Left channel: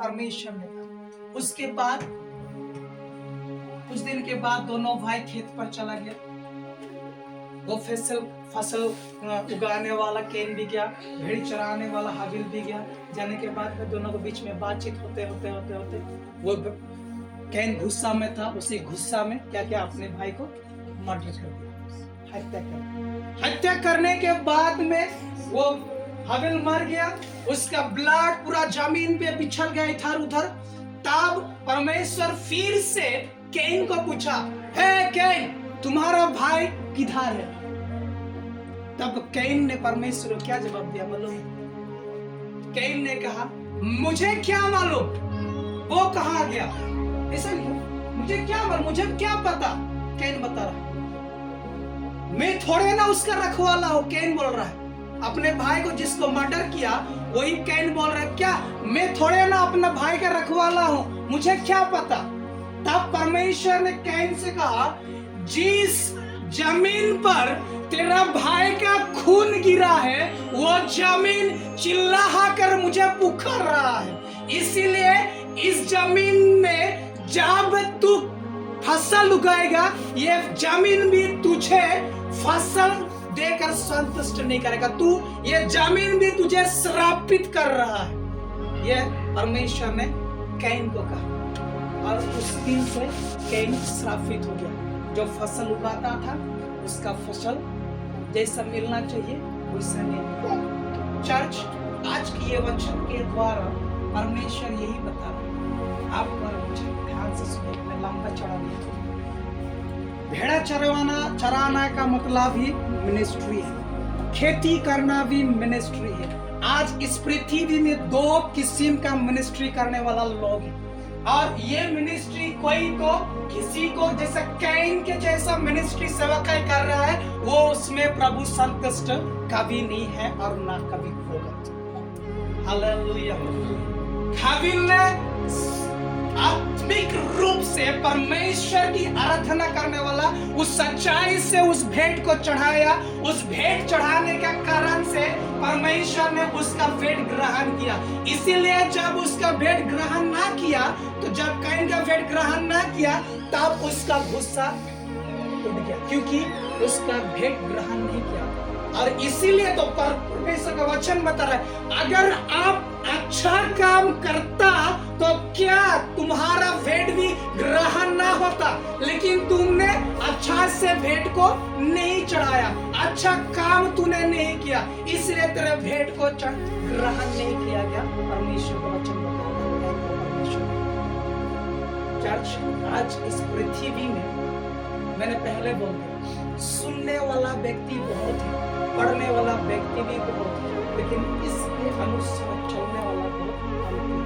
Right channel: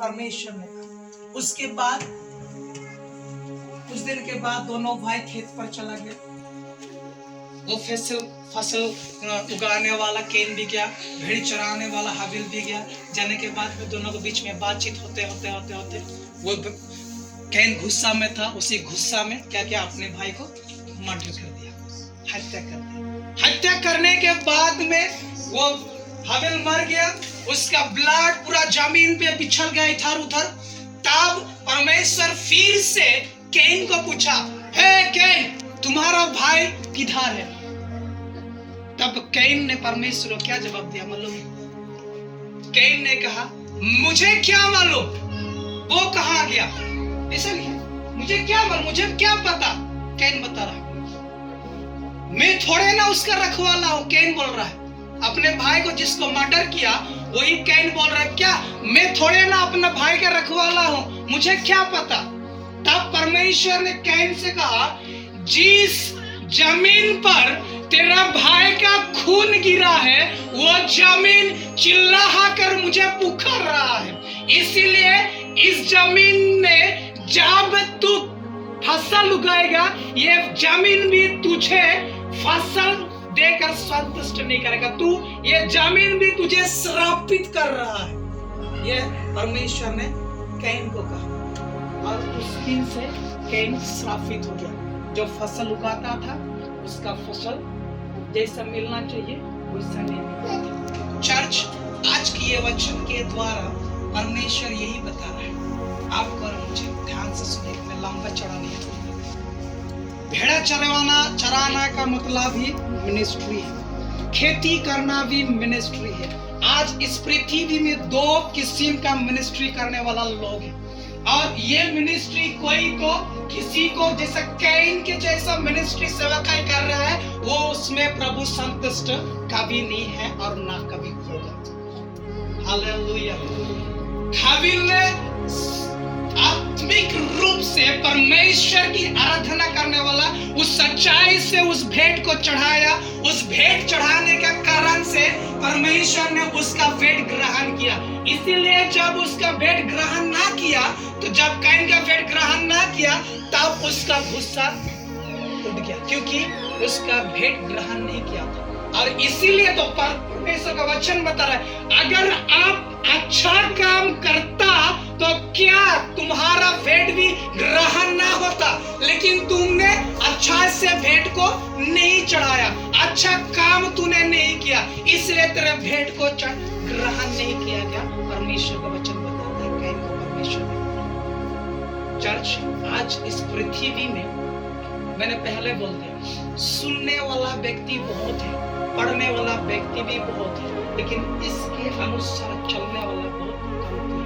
परमेश्वर ने कहा। उसके बाद कुछ दिन के बाद दोनों भाई खेत पर चला गया। वो फसल उगाने वाला कैन भी गया, भेड़ चराने वाला हाबिल भी गया। जाने के बाद में दोनों के बीच में बातचीत होते वो कैन गुस्सा में था। उसी गुस्सा में क्या किया, अपने भाई को मर्डर कर दिया, हत्या कर दिया। हत्या करने के बाद में वो हाबिल मर गया, उसका ब्लड पूरा जमीन पे बिछड़ गया इधर उधर। तब परमेश्वर फिर से कैन को पूछा, हे कैन, तुम्हारा भाई किधर है? तब कैन ने परमेश्वर को क्या जवाब दिया मालूम? कैन ने कहा, मुझे क्या मालूम वो कहाँ गया, ऐसा नहीं, मुझे क्या मालूम, मुझे क्या पता। कैन बता रहा, मैं थोड़े ना उसका रखवाला हूँ। कैन बोल रहा है, अपने भाई को जिसको मर्डर किया वही कैन बोल रहा है, क्या मैं थोड़े ना अपना भाई का रखवाला हूँ, मुझे क्या पता। तब परमेश्वर ने कैन से कहा, जिस जमीन पर तेरा भाई का खून गिरा है वो जमीन चिल्ला कर मुझे पुकार रहा है, इसीलिए इस जमीन में जब तू फसल उगाएगा ये जमीन भी तुझे फसल देकर संतुष्ट नहीं करेगा, तू ये जमीन भी तुझे श्रापित कर रहा है। ये परमेश्वर ने कैन को कहा और उस दिन से कैन श्रापित हो गया। जो फसल उगाता था उसका फसल जैसा मिलना चाहिए वैसा नहीं मिला। चर्च, आज की ये वचन के द्वारा परमेश्वर यही बता रहा है आपको और मुझे। ध्यान से सुनिए, मैं लंबा चढ़ा नहीं है। भेड़ा चराना का मतलब ही मिनिस्ट्री है, खेती करना भी मिनिस्ट्री है। आज इस पृथ्वी में दो किस्म का मिनिस्ट्री करने वाला लोग हैं और ये मिनिस्ट्री कोई तो किसी को जैसा कैन के जैसा मिनिस्ट्री सेवकाई कर रहा है, वो उसमें प्रभु संतुष्ट कभी नहीं है और ना कभी होगा। हालेलुया। हाबिल ने आत्मिक रूप से परमेश्वर की आराधना करने वाला उस सच्चाई से उस भेंट को चढ़ाया। उस भेंट चढ़ाने का कारण से परमेश्वर ने उसका भेंट ग्रहण किया। इसीलिए जब उसका भेंट ग्रहण ना किया, तो जब कैन का भेंट ग्रहण ना किया तब उसका गुस्सा उठ गया, क्योंकि उसका भेंट ग्रहण नहीं किया था। और इसीलिए तो परमेश्वर का वचन बता रहा है, अगर आप अच्छा काम करता तो क्या तुम्हारा भेंट भी ग्रहण ना होता, लेकिन तुमने अच्छा से भेंट को नहीं चढ़ाया, अच्छा काम तूने नहीं किया, इसलिए तेरे भेंट को ग्रहण नहीं किया गया। परमेश्वर का वचन बता रहा है कैन को परमेश्वर। चर्च, आज इस पृथ्वी में मैंने पहले बोल दिया, सुनने वाला व्यक्ति बहुत है, पढ़ने वाला व्यक्ति भी बहुत है, लेकिन इसके अनुसार चलने वाला बहुत कम है।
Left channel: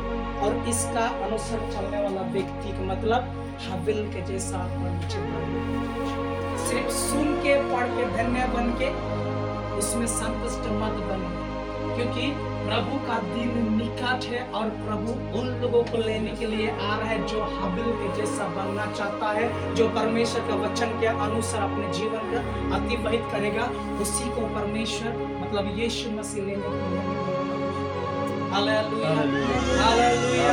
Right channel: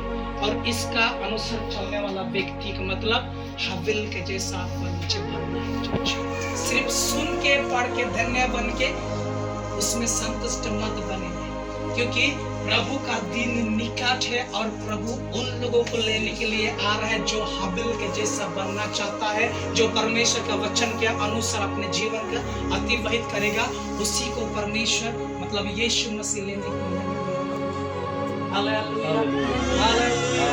और इसका अनुसार चलने वाला व्यक्ति का मतलब हाबिल के जैसा नीचे बनना है। सिर्फ सुन के पढ़ के धन्य बन के उसमें संतुष्ट मत बने, क्योंकि प्रभु का दिन निकट है और प्रभु उन लोगों को लेने के लिए आ रहा है जो हाबिल के जैसा बनना चाहता है, जो परमेश्वर का वचन के अनुसार अपने जीवन का अतिवाहित करेगा, उसी को परमेश्वर मतलब यीशु मसीह लेने के लिए। Hallelujah, hallelujah.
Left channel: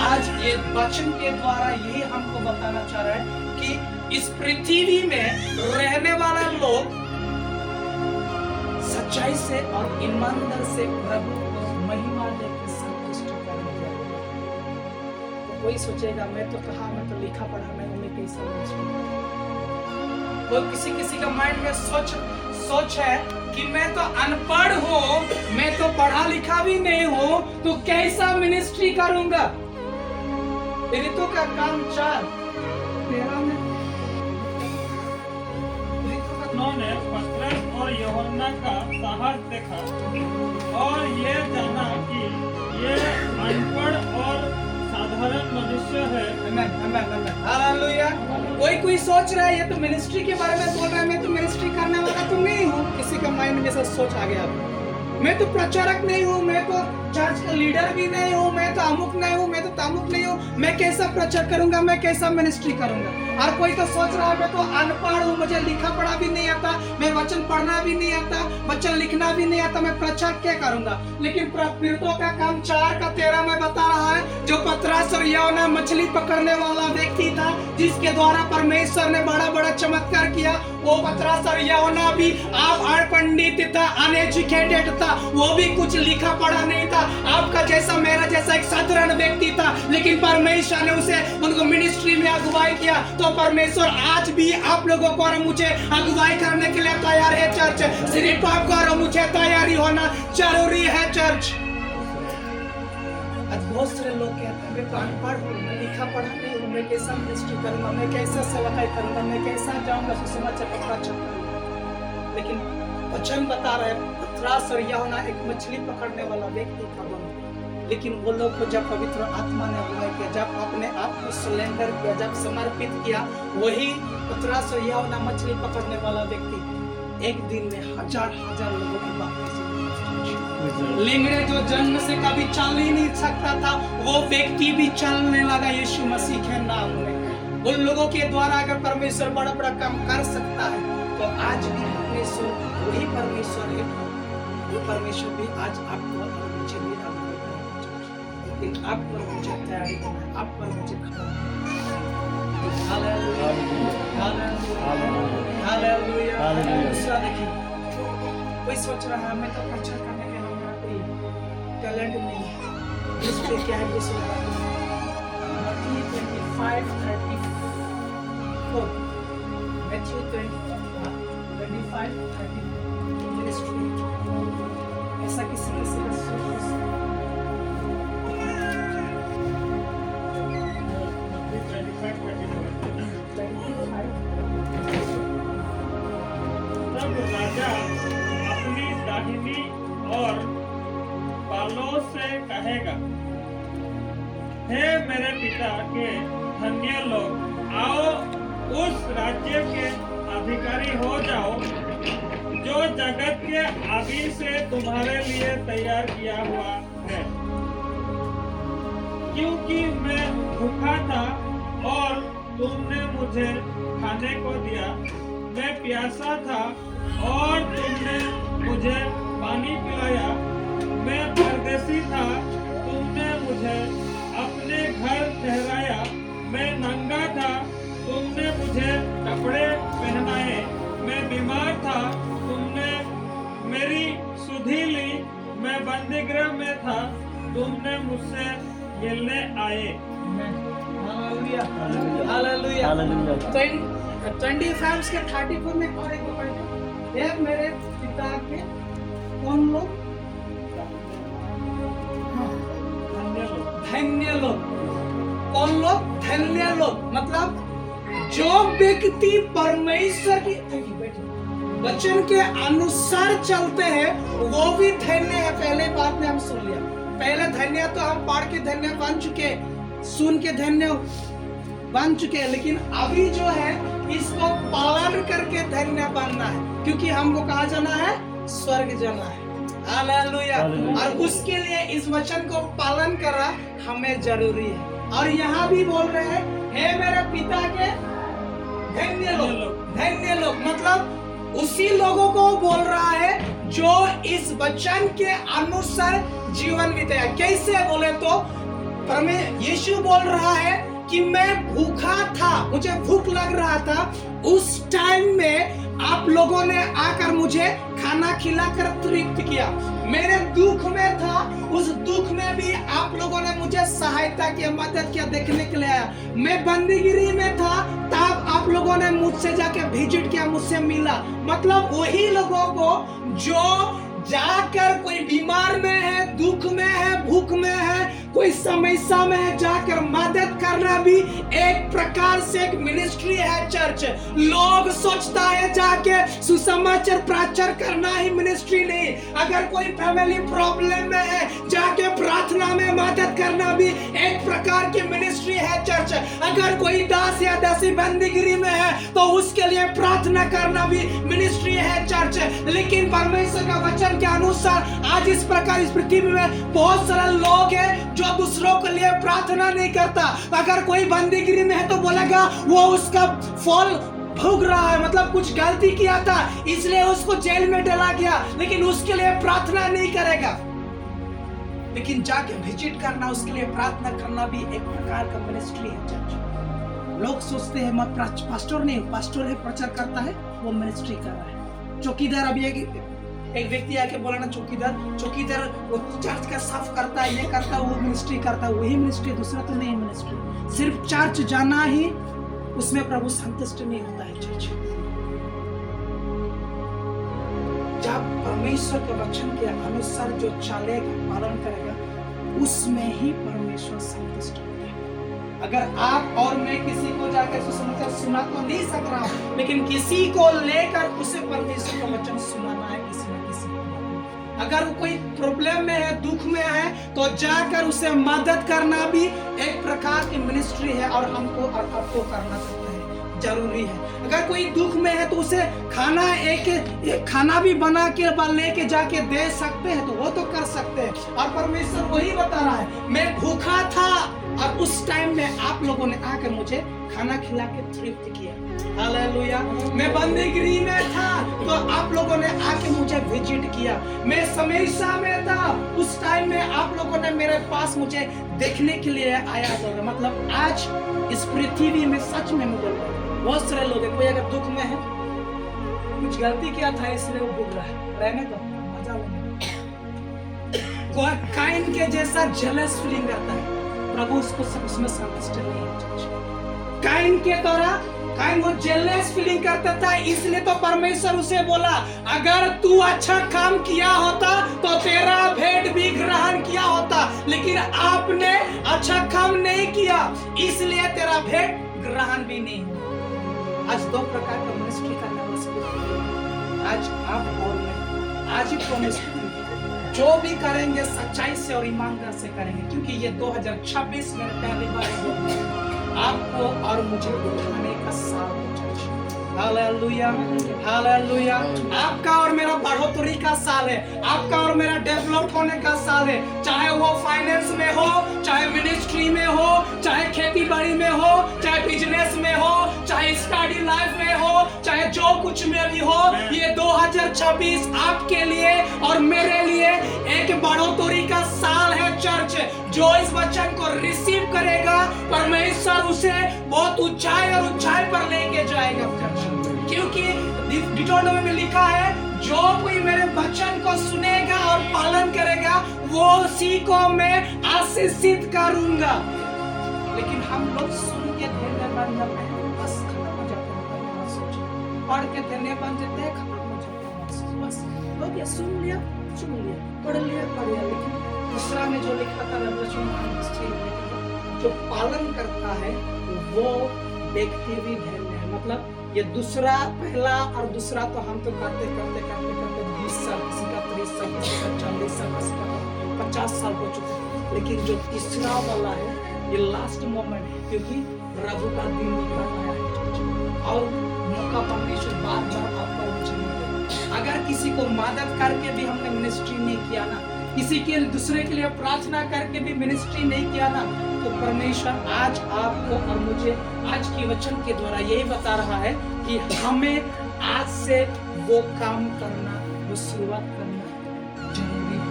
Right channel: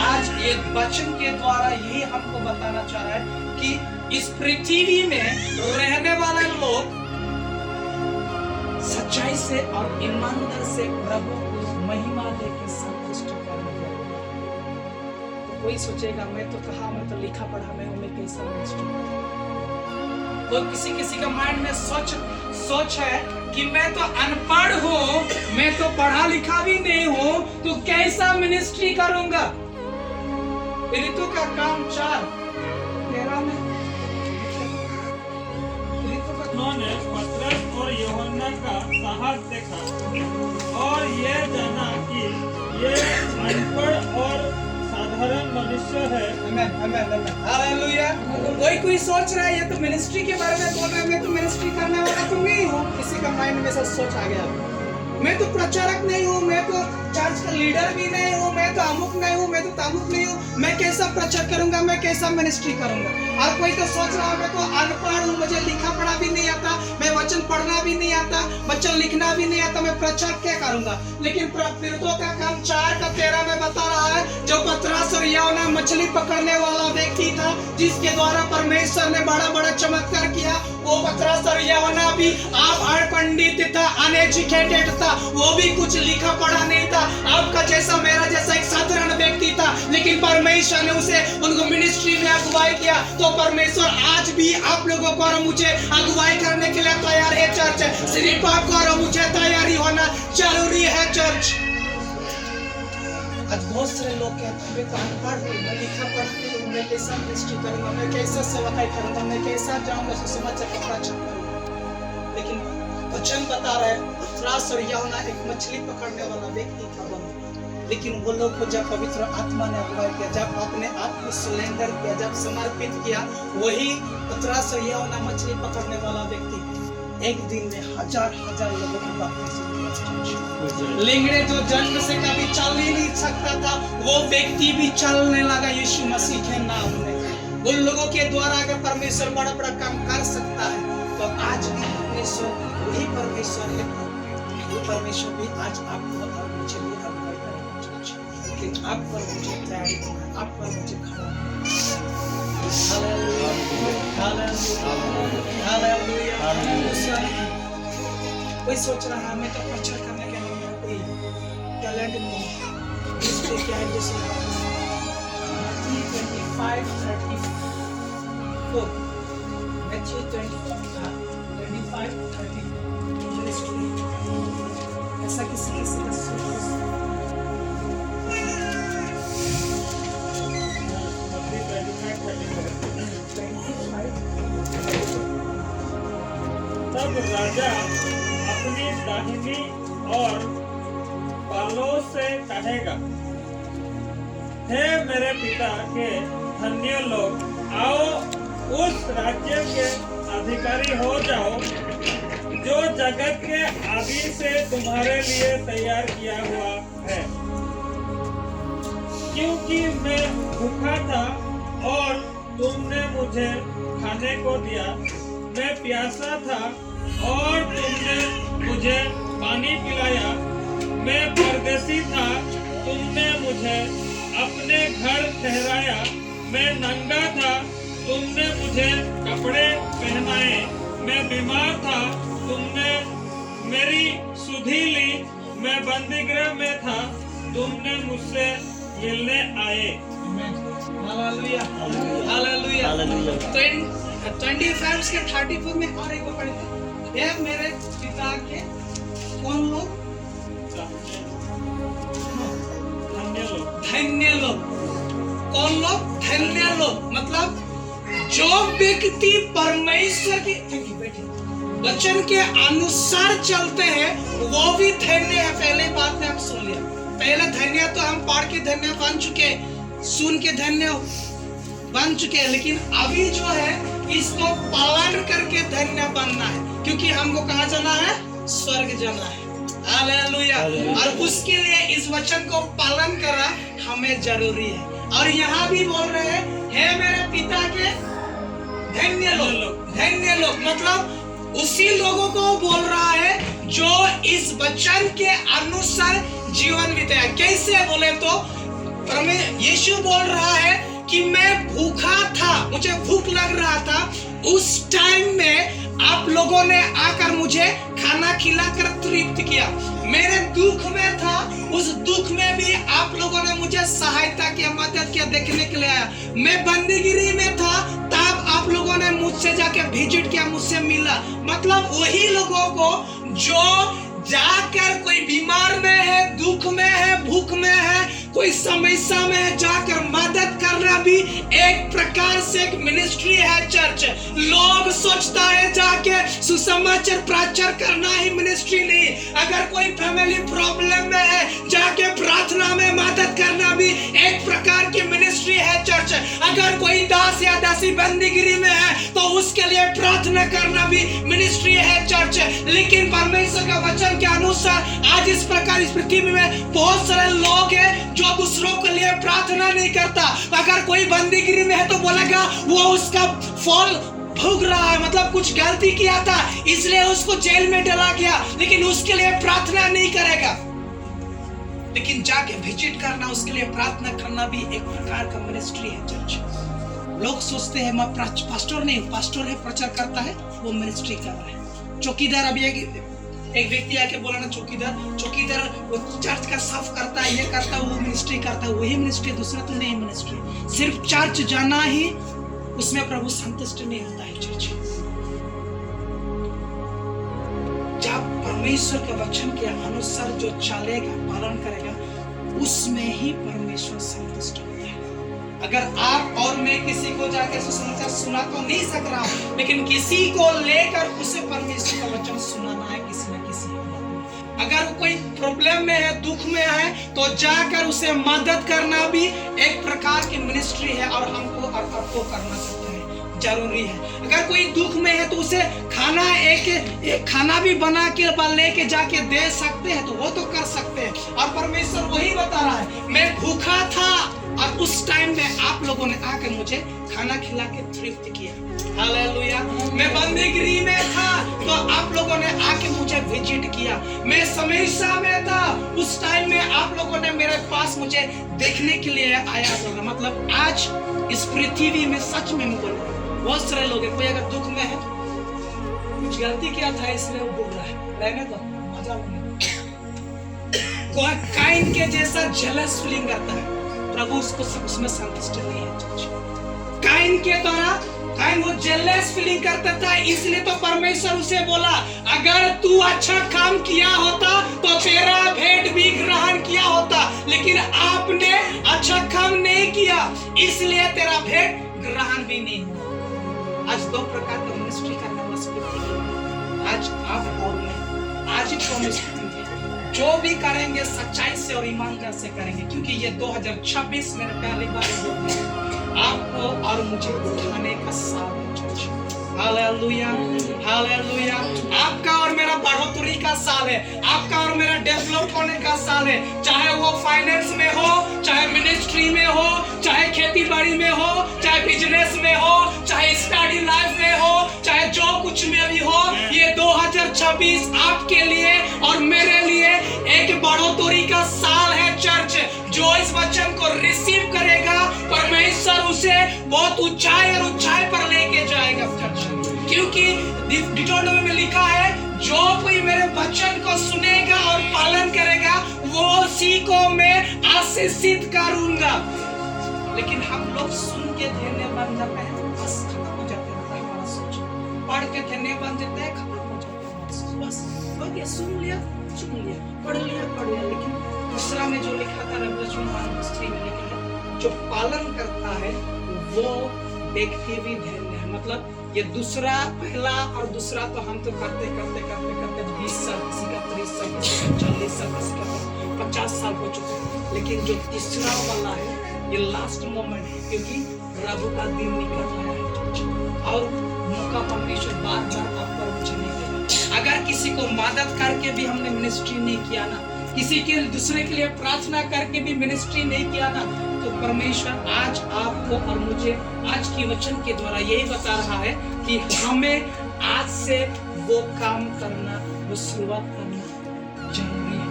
आज एक वचन के द्वारा यही हमको बताना चाह रहा है कि इस पृथ्वी में रहने वाले लोग सच्चाई से और ईमानदार से प्रभु महिमा देकर संतुष्ट करने वाले। तो कोई सोचेगा मैं तो कहा, मैं तो लिखा पढ़ा नहीं हूँ, मैं कैसा मिनिस्ट्री। कोई किसी का माइंड में सोच है कि मैं तो अनपढ़ हूँ, मैं तो पढ़ा लिखा भी नहीं हूँ, तो कैसा मिनिस्ट्री करूंगा। ऋतु का काम चार तेरा में उन्होंने पतरस और यूहन्ना का साहस देखा और ये जाना कि ये अनपढ़ और साधारण मनुष्य है। हालेलुया। कोई सोच रहा है ये तो मिनिस्ट्री के बारे में बोल रहा है, मैं तो मिनिस्ट्री करने वाला तो नहीं हूँ। किसी का माइंड में ऐसा सोच आ गया, मैं तो प्रचारक नहीं हूँ, मैं तो चर्च का लीडर भी नहीं हूँ, मैं तो अमुक नहीं हूँ, मैं तो तामुक नहीं हूँ, मैं कैसा प्रचार करूंगा, मैं कैसा मिनिस्ट्री करूंगा। और कोई तो सोच रहा है मैं तो अनपढ़ हूँ, मुझे लिखा पढ़ा भी नहीं आता, मैं वचन पढ़ना भी नहीं आता, वचन लिखना भी नहीं आता, मैं प्रचार क्या करूंगा। लेकिन प्रेरितों का काम 4 का 13 में बता रहा है, जो पतरस और यूहन्ना मछली पकड़ने वाला व्यक्ति था, जिसके द्वारा परमेश्वर ने बड़ा बड़ा चमत्कार किया। वो पतरस और यूहन्ना भी आप अनपढ़ था, अनएजुकेटेड था, वो भी कुछ लिखा पढ़ा नहीं था, आपका जैसा मेरा जैसा एक साधारण व्यक्ति था, लेकिन परमेश्वर ने उसे उनको मिनिस्ट्री में अगुवाई किया। तो परमेश्वर आज भी आप लोगों को और मुझे अगुवाई करने के लिए तैयार है चर्च। सिर्फ आपको और मुझे तैयारी होना जरूरी है चर्च। आज बहुत सारे लोग कहते हैं मैं तो अनपढ़ हूँ, मैं लिखा पढ़ा नहीं हूँ, मैं कैसा मिनिस्ट्री करूँगा, मैं कैसा सेवकाई करूँगा, मैं कैसा जाऊँगा सुसमाचार पता चलूँगा। लेकिन वचन बता रहे पतरस और यूहन्ना एक मछली पकड़ने वाला व्यक्ति था, लेकिन वो लोग को जब पवित्र आत्मा ने अगुवाई किया, जब अपने आप को सरेंडर किया, जब समर्पित किया, वही पतरस और यूहन्ना मछली पकड़ने वाला व्यक्ति एक दिन में हजार हजार लोगों को बपतिस्मा दिया। लिंगड़े जो जन्म से कभी चल ही नहीं सकता था, वो व्यक्ति भी चलने लगा यीशु मसीह के नाम में। उन लोगों के द्वारा अगर परमेश्वर बड़ा बड़ा काम कर सकता है, तो आज भी परमेश्वर वही परमेश्वर है। वो परमेश्वर भी आज आपको और मुझे भी अगुवाई करेगा। लेकिन आप पर मुझे तैयारी करना, आप पर मुझे खड़ा कोई सोच रहा हमें तो प्रचार करने के लिए कोई टैलेंट नहीं है, इसको क्या है जैसे Matthew 25:34 Matthew 25:34 मिनिस्ट्री ऐसा किसी तब राजा अपनी दाहिनी और बालों से कहेगा, हे मेरे पिता के धन्य लोग, आओ उस राज्य के अधिकारी हो जाओ जो जगत के आदि से तुम्हारे लिए तैयार किया हुआ है। क्योंकि मैं भूखा था और तुमने मुझे खाने को दिया, मैं प्यासा था और तुमने मुझे पानी पिलाया, मैं परदेसी था, तुमने मुझे अपने घर ठहराया, मैं नंगा था, तुमने मुझे कपड़े पहनाए, मैं बीमार था, तुमने मेरी सुधि ली, मैं बंदीगृह में था, तुमने मुझसे मिलने आए। Hallelujah hallelujah. 25 के 34 में और एक पढ़े, हे मेरे पिता के कौन लोग? धन्य लोग। कौन लोग? धन्य लोग। मतलब जो व्यक्ति परमेश्वर की वचन के अनुसार चलते हैं वो भी धन्य है। पहले बात में हम सुन लिया, पहले धन्य तो हम पढ़ के धन्य बन चुके, सुन के धन्य बन चुके, लेकिन अभी जो है इसको पालन करके धन्य बनना है, क्योंकि हमको कहाँ जाना है? स्वर्ग जाना है। हालेलुया। और उसके लिए इस वचन को पालन करना हमें जरूरी है। और यहाँ भी बोल रहे हैं, हे मेरे पिता के धन्य लोग। धन्य लोग मतलब उसी लोगों को बोल रहा है जो इस वचन के अनुसार जीवन बिताया। कैसे बोले तो यीशु बोल रहा है कि मैं भूखा था, मुझे भूख लग रहा था, उस टाइम में आप लोगों ने आकर मुझे खाना खिलाकर तृप्त किया। मेरे दुख में था, उस दुख में भी आप लोगों ने मुझे सहायता किया, मदद किया, देखने के लिए आया। मैं बंदीगिरी में था, तब आप लोगों ने मुझसे जाके विजिट किया, मुझसे मिला। मतलब वही लोगों को जो जाकर कोई बीमार में है, दुख में है, भूख में है, कोई समस्या में है, जाकर मदद करना भी एक प्रकार से एक मिनिस्ट्री है। चर्च लोग सोचता है जाके सुसमाचार प्रचार करना ही मिनिस्ट्री नहीं। अगर कोई फैमिली प्रॉब्लम में है, जाके प्रार्थना में मदद करना भी एक प्रकार की मिनिस्ट्री है। चर्च अगर कोई दास या दासी बंदीगिरी में है तो उसके लिए प्रार्थना करना भी मिनिस्ट्री है। चर्च लेकिन परमेश्वर का वचन के अनुसार आज इस प्रकार इस पृथ्वी में बहुत सारे लोग हैं जो दूसरों के लिए प्रार्थना नहीं करता। अगर कोई बंदीगिरी में है तो बोलेगा वो उसका फल भोग रहा है, मतलब कुछ गलती किया था इसलिए उसको जेल में डाला गया, लेकिन उसके लिए प्रार्थना नहीं करेगा। लेकिन जाके विजिट करना, उसके लिए प्रार्थना करना भी एक प्रकार का मिनिस्ट्री है चर्च। लोग सोचते हैं मैं पास्टर नहीं, पास्टर है प्रचार करता है, वो मिनिस्ट्री कर रहा है। चौकीदार, अभी एक व्यक्ति आके बोला ना, चौकीदार वो चर्च का साफ करता है, ये करता है, वो मिनिस्ट्री करता है, वही मिनिस्ट्री, दूसरा तो नहीं मिनिस्ट्री। सिर्फ चर्च जाना ही उसमें प्रभु संतुष्ट नहीं होता है चर्च। जब परमेश्वर के वचन के अनुसार जो चलेगा, पालन करेगा, उसमें ही परमेश्वर संतुष्ट होता है। अगर आप और मैं किसी को जाकर सुसमाचार सुना तो नहीं सक रहा हूं, लेकिन किसी को लेकर उसे परमेश्वर का वचन सुनाना है किसी न किसी को। अगर वो कोई प्रॉब्लम में है, दुख में है, तो जाकर उसे मदद करना भी एक प्रकार की मिनिस्ट्री है और हमको और आपको करना सकते हैं, जरूरी है। अगर कोई दुख में है तो उसे खाना एक खाना भी बना के लेके जाके दे सकते हैं, तो वो तो कर सकते हैं। और परमेश्वर वही बता रहा है, मैं भूखा था और उस टाइम में आप लोगों ने आके मुझे खाना खिला के तृप्त किया। हालेलुया। मैं बंदीगिरी में था तो आप लोगों ने आके मुझे विजिट किया। मैं समस्या में था, उस टाइम में आप लोगों ने मेरे पास मुझे देखने के लिए आया। मतलब आज इस पृथ्वी में सच में बोल रहा हूं, बहुत सारे लोग हैं, कोई अगर दुख में है, कुछ गलती किया था इसलिए वो बोल रहा है, रहने दो, मजा कोई काइन के जैसा जेलस फीलिंग करता है, प्रभु उसको उसमें संतुष्ट नहीं है। काइन के द्वारा काइन वो जेलस फीलिंग करता था, इसलिए तो परमेश्वर उसे बोला, अगर तू अच्छा काम किया होता तो तेरा भेंट भी ग्रहण किया होता, लेकिन आपने अच्छा काम नहीं किया, इसलिए तेरा भेंट ग्रहण भी नहीं हुआ। आज दो प्रकार का मिनिस्ट्री करना मुश्किल। आज आप और मैं आज प्रॉमिस करेंगे, जो भी करेंगे सच्चाई से और ईमानदार से करेंगे, क्योंकि ये 2026 में पहली बार आपको और मुझे दिखाने का साल है। Hallelujah, hallelujah. आपका और मेरा बढ़ोतरी का साल है, आपका और मेरा डेवलप होने का साल है, चाहे वो फाइनेंस में हो, चाहे मिनिस्ट्री में हो, चाहे खेती बाड़ी में हो, चाहे बिजनेस में हो, चाहे स्टडी लाइफ में हो, चाहे जो कुछ में भी हो। ये 2026 आपके लिए और मेरे लिए एक बढ़ोतरी का साल है चर्च। जो इस वचन को रिसीव करेगा, परमेश्वर उसे बहुत ऊंचाई और ऊंचाई पर लेके जाएगा चर्च। क्योंकि डिटोनोमी में लिखा है, जो कोई मेरे वचन को सुनेगा और पालन करेगा, वो उसी को मैं आशीषित करूंगा। लेकिन हम लोग सुन के धन्यवाद न कहें, बस खत्म हो जाते हैं, सोच पढ़ के धन्यवाद देते हैं, खत्म हो जाते हैं, बस हो गया, सुन लिया, पढ़ लिया, लेकिन दूसरा में जो लिखा था जो पालन करता है वो व्यक्ति भी धन्य है। मतलब ये दूसरा, पहला और दूसरा तो हम तो करते 20 साल, किसी का 30 साल, किसी का 40 साल, किसी का 50 साल हो चुका है। लेकिन जो तीसरा वाला है, ये लास्ट मोमेंट है, क्योंकि प्रभु का दिन निकल रहा है और मौका परमेश्वर बार-बार आपको चलेगा। अगर किसी को मदद करके भी हमने मिनिस्ट्री नहीं किया ना, किसी के दूसरे के लिए प्रार्थना करके भी मिनिस्ट्री नहीं किया ना, तो परमेश्वर आज आपको और मुझे आज की वचन के द्वारा यही बता रहा है कि हमें आज से वो काम करना, वो शुरुआत करना जरूरी है।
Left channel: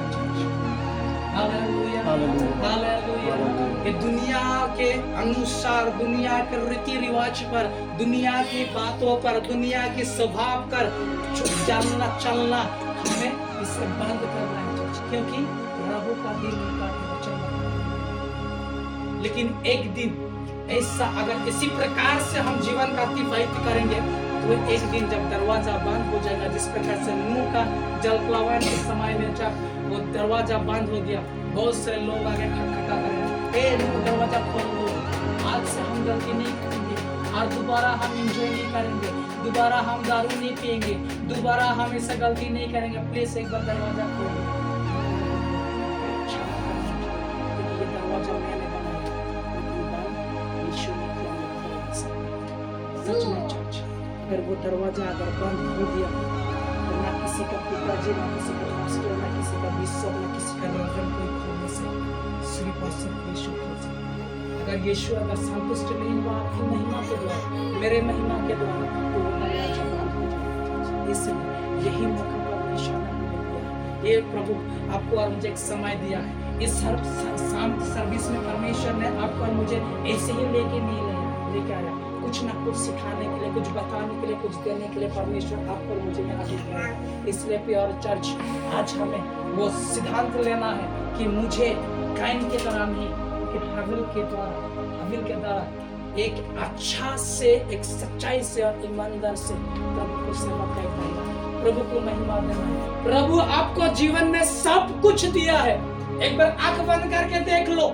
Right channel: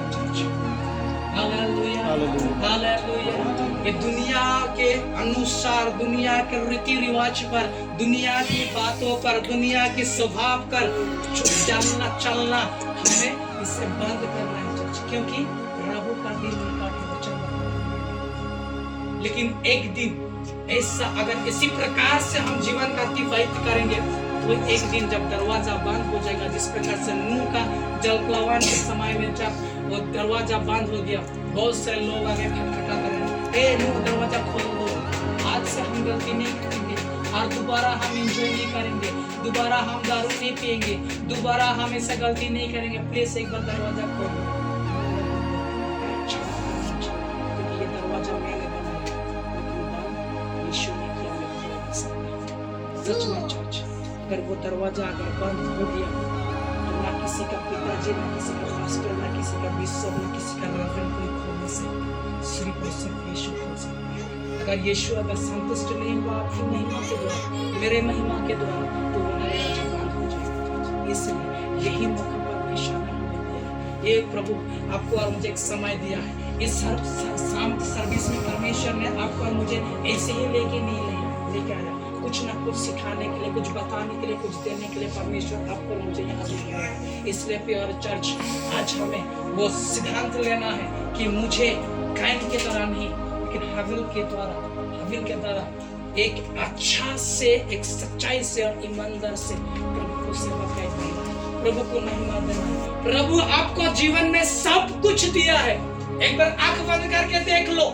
Hallelujah, hallelujah. ये दुनिया के अनुसार, दुनिया के रीति रिवाज पर, दुनिया की बातों पर, दुनिया के स्वभाव पर चलना हमें इसे बंद करना है, क्योंकि प्रभु का दिन उनका वचन। लेकिन एक दिन ऐसा, अगर इसी प्रकार से हम जीवन का अतिवाहित करेंगे, तो एक दिन जब दरवाजा बंद हो जाएगा, जिस प्रकार से नूह का जलप्लवन के समय में जब वो दरवाजा बंद हो गया, बहुत से लोग आगे खटखटा करेंगे, ए नूह दरवाजा खोल दो, आज से हम गलती नहीं करेंगे और दोबारा हम एंजॉय नहीं करेंगे, दोबारा हम दारू नहीं पिएंगे, दोबारा हम ऐसा गलती नहीं करेंगे, प्लीज एक बार दरवाजा खोल दो। अगर वो दरवाजा अगर बंद हो गया, तो ना किसी का पिताजी, ना किसी का हॉस्टल, ना किसी का विश्व, ना किसी का रेफरेंस कोई खोलने से सिर्फ और सिर्फ यीशु खोल सकता है। अगर यीशु अगर संतुष्ट नहीं हुआ आपकी महिमा के द्वारा, मेरे महिमा के द्वारा, तो वो दरवाजा बंद हो जाएगा। इसलिए यही मौका परमेश्वर ने दिया। ये प्रभु आपको और मुझे एक समय दिया है, इस शाम की सर्विस में परमेश्वर ने आपको और मुझे ऐसे ही लेके आया, कुछ ना कुछ सिखाने के लिए, कुछ बताने के लिए, कुछ देने के लिए परमेश्वर आपको और मुझे यहाँ लेके आया। इसलिए प्यार चर्च, आज हमें वो सिद्धांत लेना है कि मुझे कायन के तरह नहीं, लेकिन हाबिल के द्वारा एक अच्छा से, एक सच्चाई से और ईमानदार से प्रभु को सेवा करना, प्रभु को महिमा देना। प्रभु आपको जीवन में सब कुछ दिया है। एक बार आंख बंद करके देख लो,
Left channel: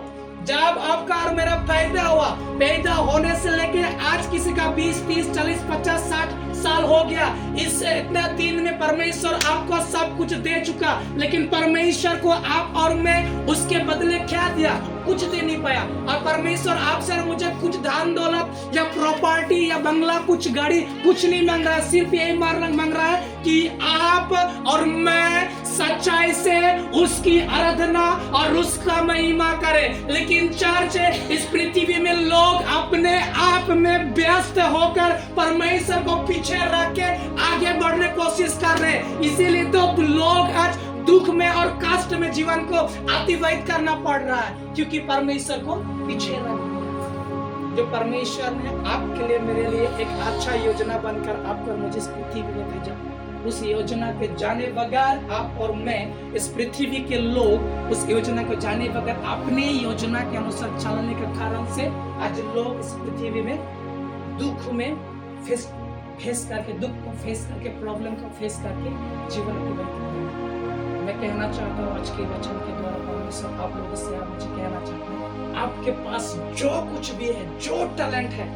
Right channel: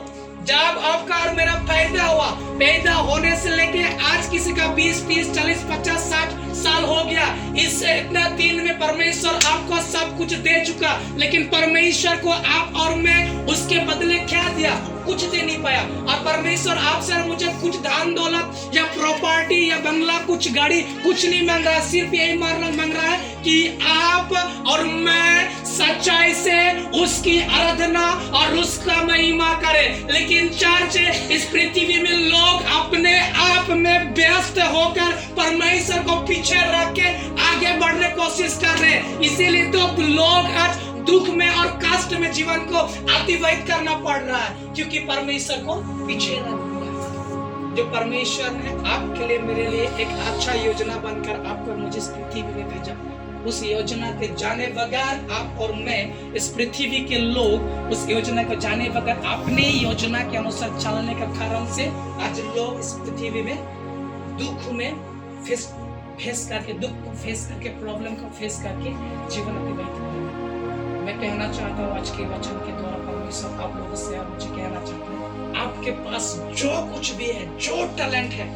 जब आपका और मेरा पैदा हुआ, पैदा होने से लेके आज किसी का 20, 30, 40, 50, 60 साल हो गया, इस इतना दिन में परमेश्वर आपको सब कुछ दे चुका, लेकिन परमेश्वर को आप और मैं उसके बदले क्या दिया? कुछ दे नहीं पाया। और परमेश्वर आपसे मुझे कुछ धन दौलत या प्रॉपर्टी या बंगला, कुछ गाड़ी, कुछ नहीं मांग रहा है, सिर्फ यही मांग रहा है कि आप और मैं सच्चाई से उसकी आराधना और उसका महिमा करें। लेकिन चर्च, इस पृथ्वी में लोग अपने आप में व्यस्त होकर परमेश्वर को पीछे रख के आगे बढ़ने की कोशिश कर रहे हैं। इसीलिए तो लोग आज दुख में और कष्ट में जीवन को अतिवाहित करना पड़ रहा है, क्योंकि परमेश्वर को पीछे रख दिया। जो परमेश्वर ने आपके लिए, मेरे लिए एक अच्छा योजना बनकर आपको मुझे इस पृथ्वी में भेजा, उस योजना के जाने बगैर आप और मैं, इस पृथ्वी के लोग उस योजना को जाने बगैर अपनी योजना के अनुसार चलने के कारण से आज लोग इस पृथ्वी में दुख में फेस करके, दुख को फेस करके, प्रॉब्लम को फेस करके जीवन अतिवाहित कर रहे हैं। मैं कहना चाहता हूँ आज के वचन के द्वारा परमेश्वर आप लोगों से मुझे कहना चाहता हूँ, आपके पास जो कुछ भी है, जो टैलेंट है,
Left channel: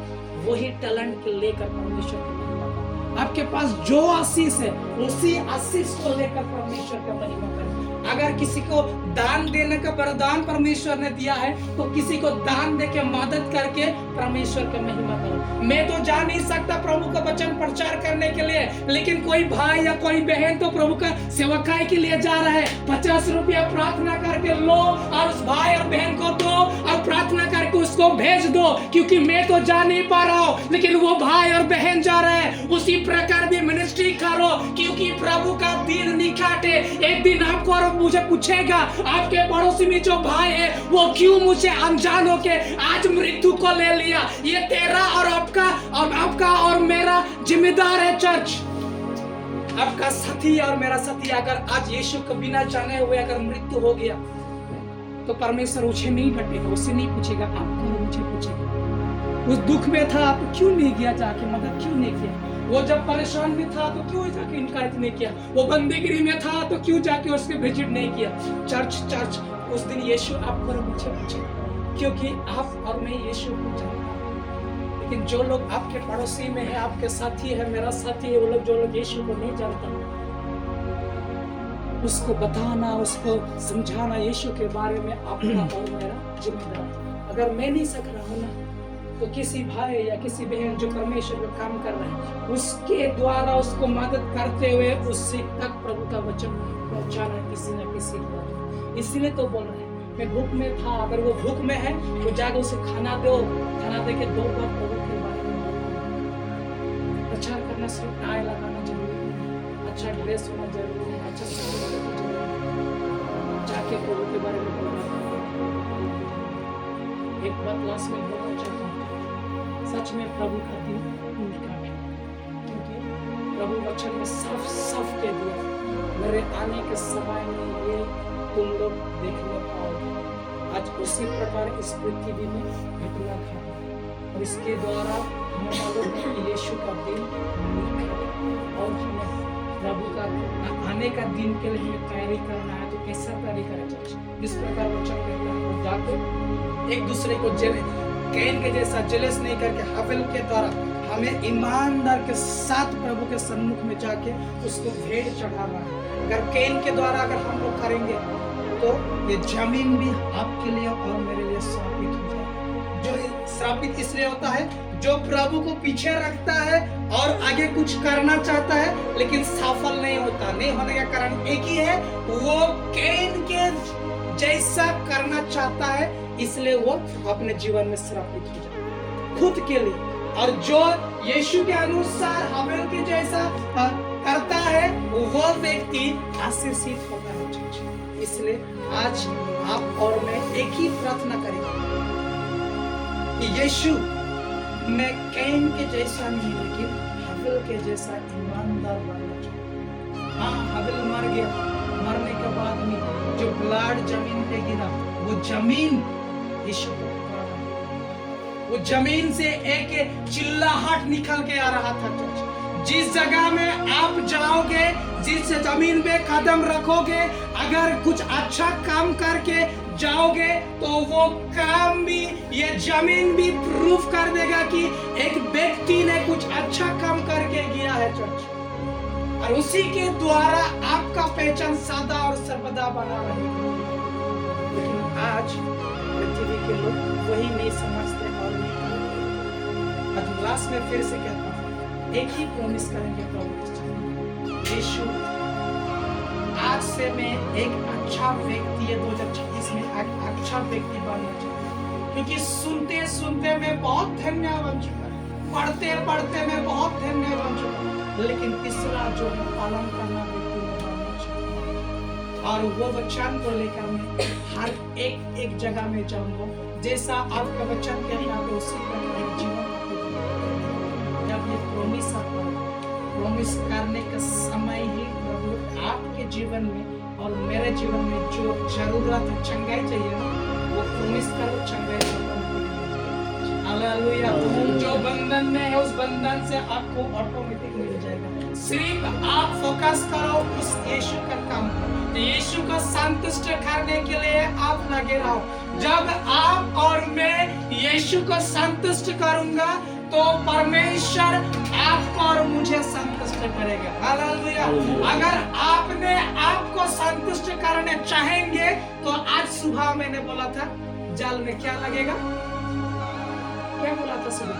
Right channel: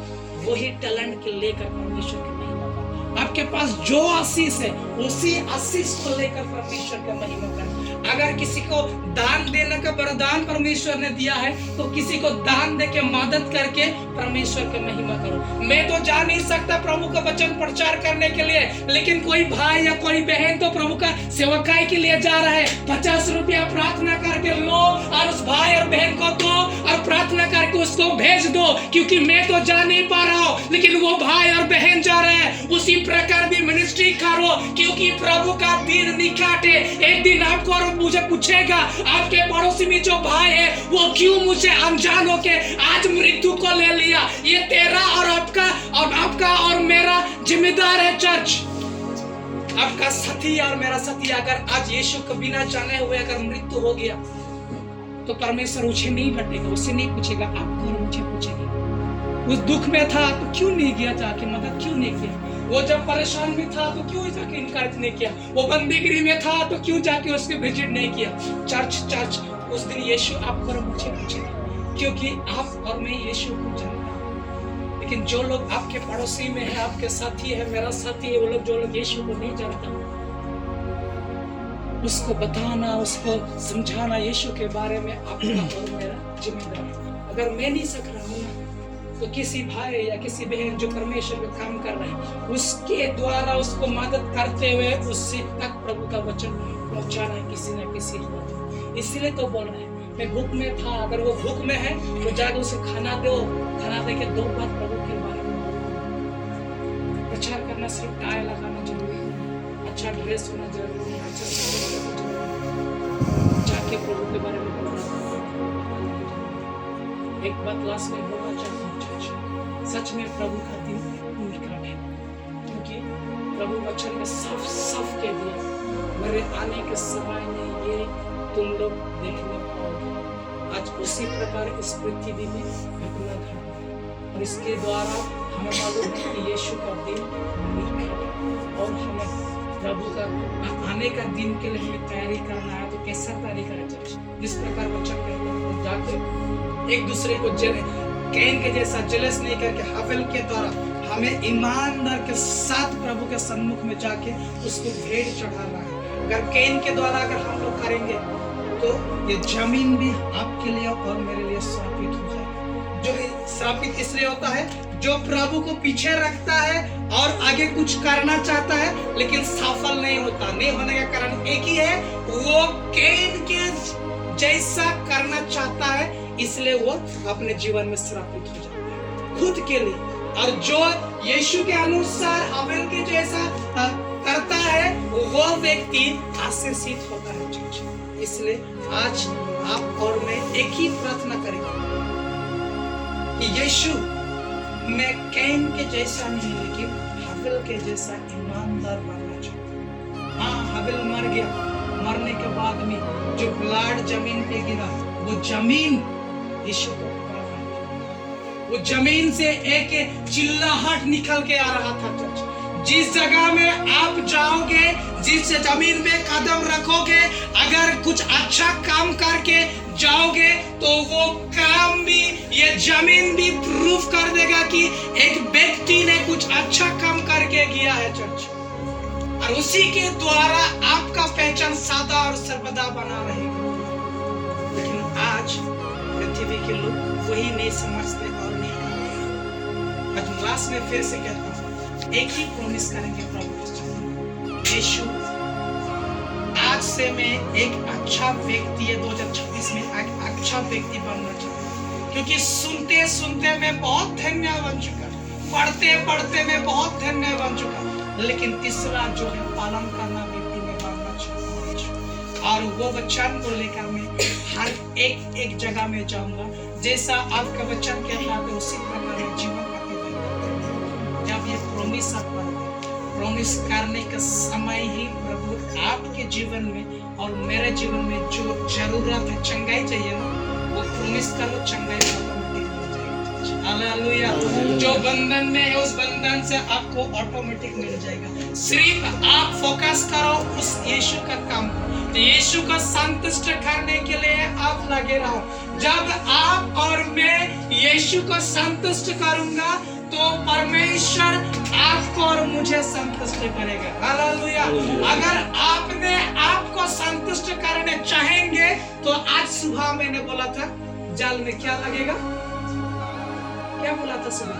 वही टैलेंट के लेकर परमेश्वर को महिमा करो। आपके पास जो आशीष है, उसी आशीष को लेकर परमेश्वर को महिमा करो। अगर किसी को दान देने का वरदान परमेश्वर ने दिया है, तो किसी को दान दे के मदद करके परमेश्वर की महिमा करो। मैं तो जा नहीं सकता प्रभु का वचन प्रचार करने के लिए, लेकिन कोई भाई या कोई बहन तो प्रभु का सेवकाई के लिए जा रहा है, 50 रुपया प्रार्थना करके लो और उस भाई और बहन को दो और प्रार्थना करके उसको भेज दो, क्योंकि मैं तो जा नहीं पा रहा हूँ, लेकिन वो भाई और बहन जा रहे हैं। उसी प्रकार भी मिनिस्ट्री करो, क्योंकि प्रभु का दिन निकटे। एक दिन आपको और मुझे पूछेगा, आपके पड़ोसी में जो भाई है वो क्यों मुझे अनजान होके आज मृत्यु को ले लिया? ये तेरा और आपका और मेरा जिम्मेदार है चर्च। आपका साथी और मेरा साथी अगर आज यीशु को बिना जाने हुए अगर मृत्यु हो गया, तो परमेश्वर उसे नहीं बटेगा, उससे नहीं पूछेगा, आपको और मुझे पूछेगा। उस दुख में था तो क्यों नहीं गया, जाके मदद क्यों नहीं किया? वो जब परेशान भी था तो क्यों जाके इनकार नहीं किया? वो बंदीगिरी में था तो क्यों जाके उसके विजिट नहीं किया? चर्च उस दिन यीशु आपको और मुझे पूछेगा, क्योंकि आप और मैं यीशु को जानते हैं। लेकिन जो लोग आपके पड़ोसी में है, आपके साथी है, मेरा साथी है, वो लोग जो लोग यीशु को नहीं जानता, उसको बताना, उसको समझाना यीशु के बारे में आपका और मेरा जिम्मेदार। अगर मैं नहीं सक रहा हूँ ना, तो किसी भाई या किसी बहन जो परमेश्वर में काम कर रहे हैं, उसके द्वारा उसको मदद करते हुए उससे तक प्रभु का वचन पहुंचाना है किसी न किसी द्वारा। इसलिए तो बोल रहे हैं, मैं भूख में था, अगर वो भूख में है तो जाकर उसे खाना दो, खाना दे के 2 बार प्रभु के बारे में प्रचार करना, सिर्फ टाई लगाना जरूरी है, अच्छा ड्रेस होना जरूरी है, अच्छा जाके प्रभु के बारे में बोलना। एक बात लास्ट में बोलना चाहता हूँ, सच में प्रभु का दिन निकट है, क्योंकि प्रभु वचन में साफ कह दिया, मेरे आने के समय में ये तुम लोग देखने पाओगे। आज उसी प्रकार इस पृथ्वी में घटना घटा और इसके द्वारा हमें मालूम है कि यीशु का दिन निकट है और हमें प्रभु का आने का दिन के लिए हमें तैयारी करना है। तो कैसा तैयारी करें? जिस प्रकार वचन कहता है, जाकर एक दूसरे को कैन के जैसा जेलस नहीं करके हाबिल के द्वारा हमें ईमानदार के साथ प्रभु के सम्मुख में जाके उसको भेंट चढ़ाना है। अगर कैन के द्वारा अगर हम लोग करेंगे तो ये जमीन भी आपके लिए और मेरे लिए श्रापित हो जाएगी। जो श्रापित इसलिए होता है, जो प्रभु को पीछे रखता है और आगे कुछ करना चाहता है लेकिन सफल नहीं होता। नहीं होने का कारण एक ही है, वो कैन के जैसा करना चाहता है, इसलिए वो अपने जीवन में श्रापित हो जाता है खुद के लिए। और जो यीशु के अनुसार हाबिल के जैसा करता है, वो व्यक्ति आशीषित होता है। इसलिए आज आप और मैं एक ही प्रार्थना करेंगे कि यीशु, मैं कैन के जैसा नहीं लेकिन हाबिल के जैसा ईमानदार बनना चाहूँ। हाँ, हाबिल मर गया, मरने के बाद में जो ब्लड जमीन पे गिरा, वो जमीन यीशु को, वो जमीन से एक चिल्लाहट निकल के आ रहा था। जिस जगह में आप जाओगे, जिस जमीन पे कदम रखोगे, अगर कुछ अच्छा काम करके जाओगे तो वो काम भी, ये जमीन भी प्रूफ कर देगा कि एक व्यक्ति ने कुछ अच्छा काम करके गया है चर्च, और उसी के द्वारा आपका पहचान सदा और सर्वदा बना रहेगा। लेकिन आज पृथ्वी के लोग वही नहीं समझते और नहीं करते। लास्ट में फिर से कहता हूँ, एक ही प्रॉमिस करेंगे प्रभु यीशु, आज से मैं एक अच्छा व्यक्ति, 2026 में एक अच्छा व्यक्ति बनना चाहता हूँ। क्योंकि सुनते सुनते मैं बहुत धन्य बन चुका, पढ़ते पढ़ते मैं बहुत धन्य बन चुका, लेकिन तीसरा जो है पालन करना व्यक्ति में बनना चाहता हूँ। और वो वचन को लेकर मैं हर एक जगह में जाऊंगा, जैसा आपका वचन कहता है उसी प्रकार जीवन जब ये प्रॉमिस प्रॉमिस करने का समय ही प्रभु आपके जीवन में और मेरे जीवन में जो जरूरत है, चंगाई चाहिए ना, वो प्रॉमिस करो, चंगाई हालेलुया। जो बंधन में है उस बंधन से आपको ऑटोमेटिक मिल जाएगा। सिर्फ आप फोकस करो उस यीशु का काम पर, यीशु को संतुष्ट करने के लिए आप लगे रहो। जब आप और मैं यीशु को संतुष्ट करूंगा तो परमेश्वर आपको और मुझे संतुष्ट करेगा। हालेलुया। अगर आपने आपको संतुष्ट करने चाहेंगे तो आज सुबह मैंने बोला था जाल में क्या लगेगा, क्या बोला था सुबह?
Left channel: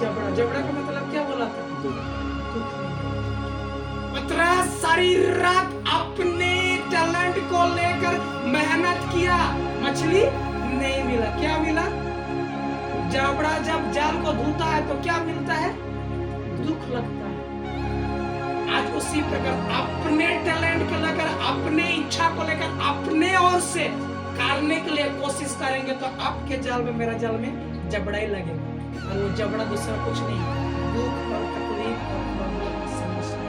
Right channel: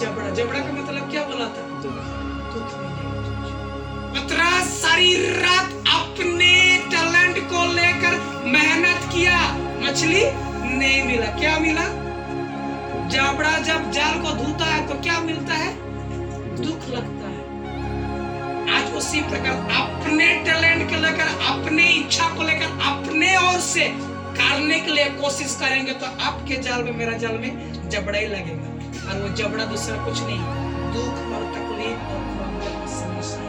जबड़ा। जबड़ा का मतलब क्या बोला था? पतरस सारी रात अपने टैलेंट को लेकर मेहनत किया, मछली नहीं मिला। क्या मिला? जबड़ा जब जाल को धोता है तो क्या मिलता है? दुख लगता है। आज उसी प्रकार अपने टैलेंट को लेकर, अपने इच्छा को लेकर, अपने ओर से करने के लिए कोशिश करेंगे तो आपके जाल में, मेरा जाल में जबड़ा ही लगेगा। और वो जबड़ा दूसरा कुछ नहीं, दुख और तकलीफ और समस्या।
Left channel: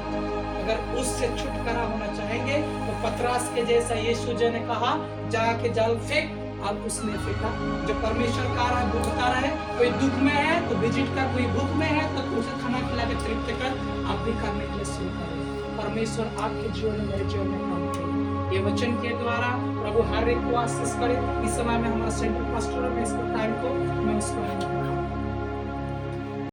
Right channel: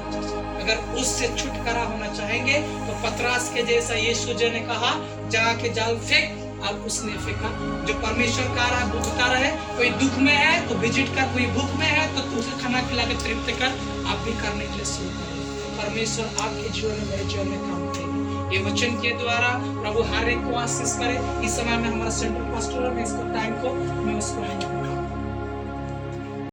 अगर उससे छुटकारा होना चाहेंगे तो पतरस के जैसा यीशु जी ने कहा जाके जाल फेंक, अब उसने फेंका। जो परमेश्वर का रहा भूखता रहे, कोई दुख में है तो विजिट कर, कोई भूख में है तो तुझे खाना खिला के तृप्त कर, आप भी करने के लिए शुरू करो। परमेश्वर आपके जीवन में, मेरे जीवन में काम करेगा। ये वचन के द्वारा प्रभु हर एक को आशीष करे। इस समय में हमारा सेंट्रल पास्टर में इसको